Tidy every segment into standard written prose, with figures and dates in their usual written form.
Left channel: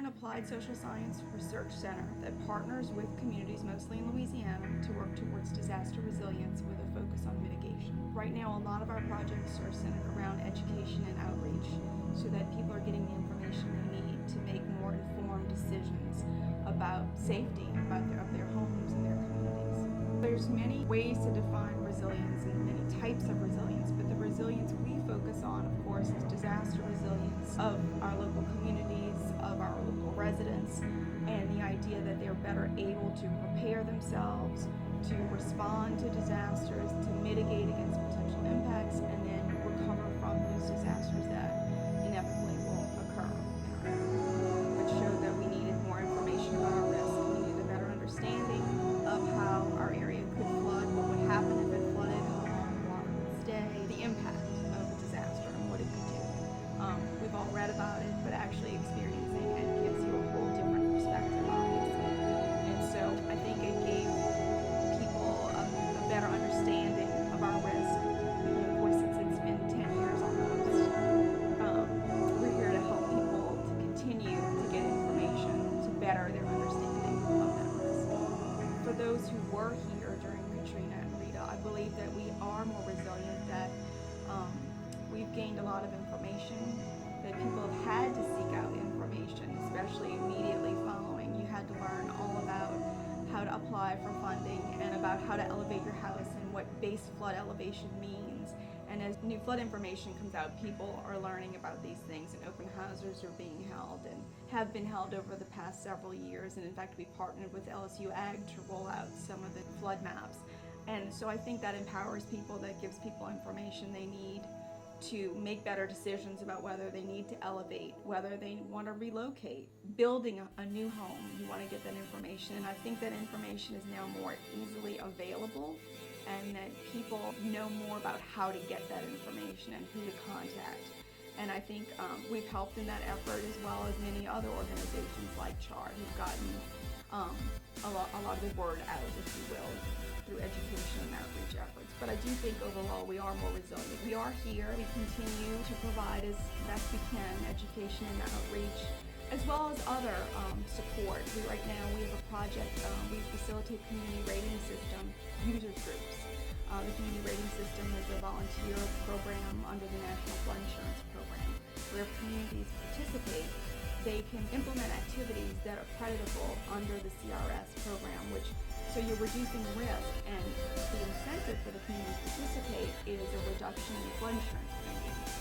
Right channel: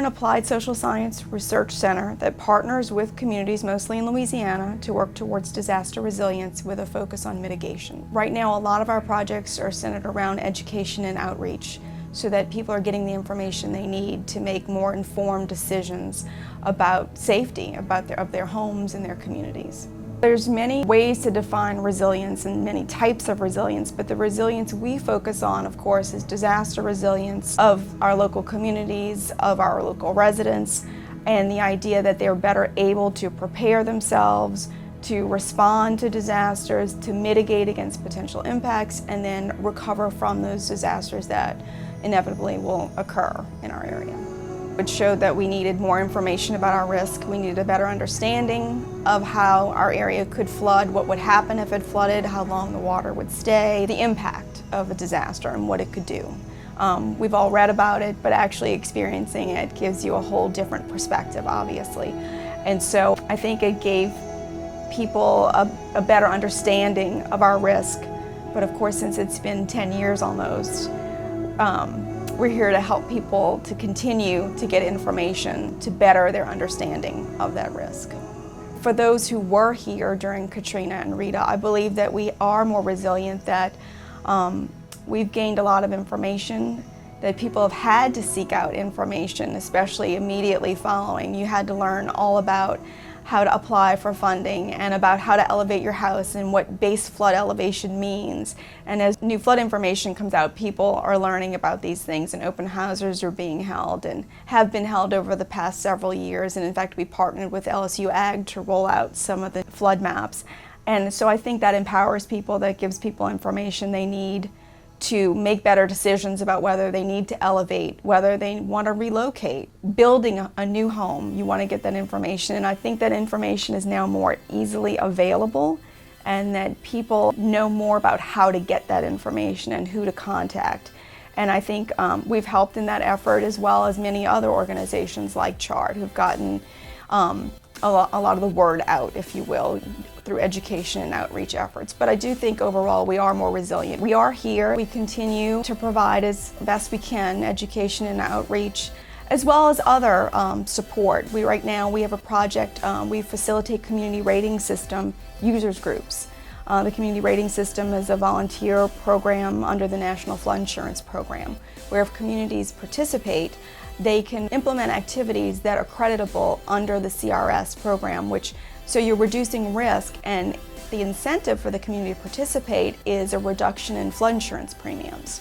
an applied social science research center that partners with communities, mostly in Louisiana, to work towards disaster resilience with a focus on mitigation. Right now, a lot of our projects are centered around education and outreach so that people are getting the information they need to make more informed decisions about safety, of their homes and their communities. There's many ways to define resilience and many types of resilience, but the resilience we focus on, of course, is disaster resilience of our local communities, of our local residents, and the idea that they're better able to prepare themselves, to respond to disasters, to mitigate against potential impacts, and then recover from those disasters that inevitably will occur in our area. It showed that we needed more information about our risk. We needed a better understanding of how our area could flood, what would happen if it flooded, how long the water would stay, the impact of a disaster and what it could do. We've all read about it, but actually experiencing it gives you a whole different perspective, obviously. And so I think it gave people a better understanding of our risk. But of course, since it's been 10 years almost, we're here to help people to continue to get information to better their understanding of that risk. For those who were here during Katrina and Rita, I believe that we are more resilient, that we've gained a lot of information, that people have had to seek out information, especially immediately following. You had to learn all about how to apply for funding and about how to elevate your house and what base flood elevation means. And as new flood information comes out, people are learning about these things, and open houses are being held and have been held over the past several years. And in fact, we partnered with LSU Ag to roll out some of the flood maps. And so I think that empowers people, that gives people information they need to make better decisions about whether they need to elevate, whether they want to relocate, building a new home. You want to get that information, and I think that information is now more easily available, and that people know more about how to get that information and who to contact. And I think we've helped in that effort, as well as many other organizations like CHART, who've gotten a lot of the word out, if you will, through education and outreach efforts. But I do think overall we are more resilient. We are here. We continue to provide as best we can education and outreach, as well as other support. Right now we have a project, we facilitate community rating system users groups. The community rating system is a volunteer program under the National Flood Insurance Program, where if communities participate, they can implement activities that are creditable under the CRS program, so you're reducing risk, and the incentive for the community to participate is a reduction in flood insurance premiums.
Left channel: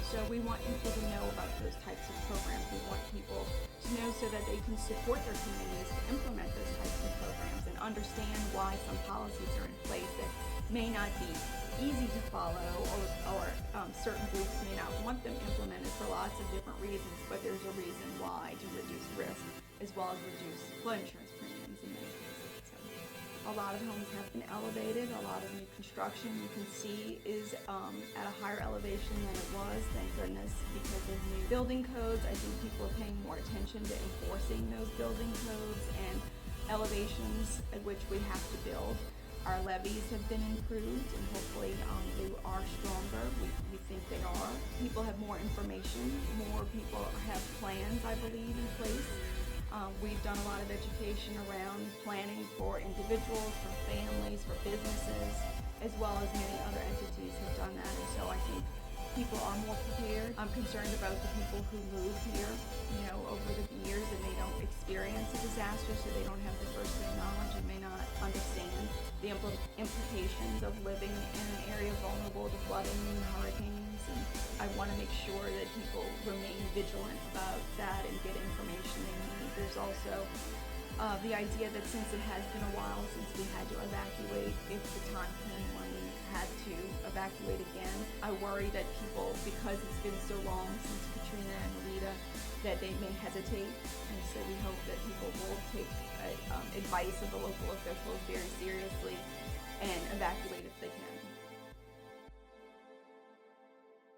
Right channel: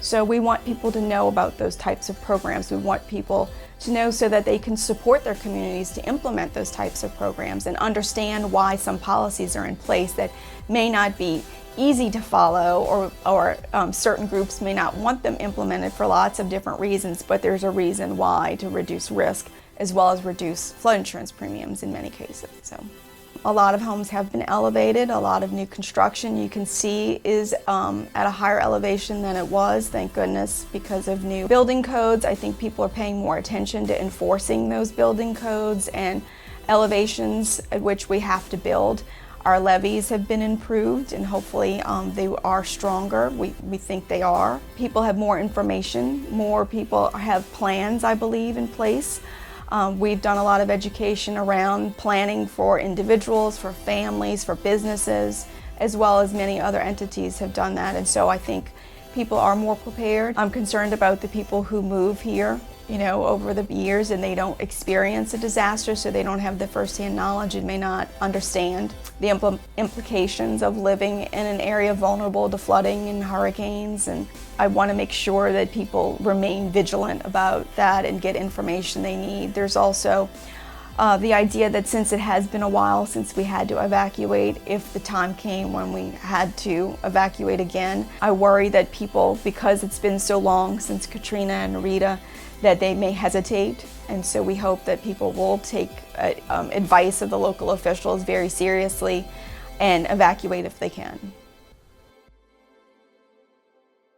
So we want people to know about those types of programs. We want people to know so that they can support their communities to implement those types of programs and understand why some policies are in place that may not be easy to follow, or certain groups may not want them implemented for lots of different reasons, but there's a reason why, to reduce risk as well as reduce flood insurance premiums in many cases. So a lot of homes have been elevated. A lot of new construction, you can see, is at a higher elevation than it was, thank goodness, because of new building codes. I think people are paying more attention to enforcing those building codes and elevations at which we have to build. Our levees have been improved, and hopefully they are stronger. We think they are. People have more information. More people have plans, I believe, in place. We've done a lot of education around planning for individuals, for families, for businesses, as well as many other entities have done that. And so I think people are more prepared. I'm concerned about the people who move here, over the years, and they don't experience a disaster, so they don't have the firsthand knowledge and may not understand the implications of living in an area vulnerable to flooding and hurricanes. And I want to make sure that people remain vigilant about that and get information they need. There's also the idea that since it has been a while since we had to evacuate, if the time came when we had to evacuate again, I worry that people, because it's been so long since Katrina and Rita, that they may hesitate. And so we hope that people will take advice of the local officials very seriously and evacuate if they can.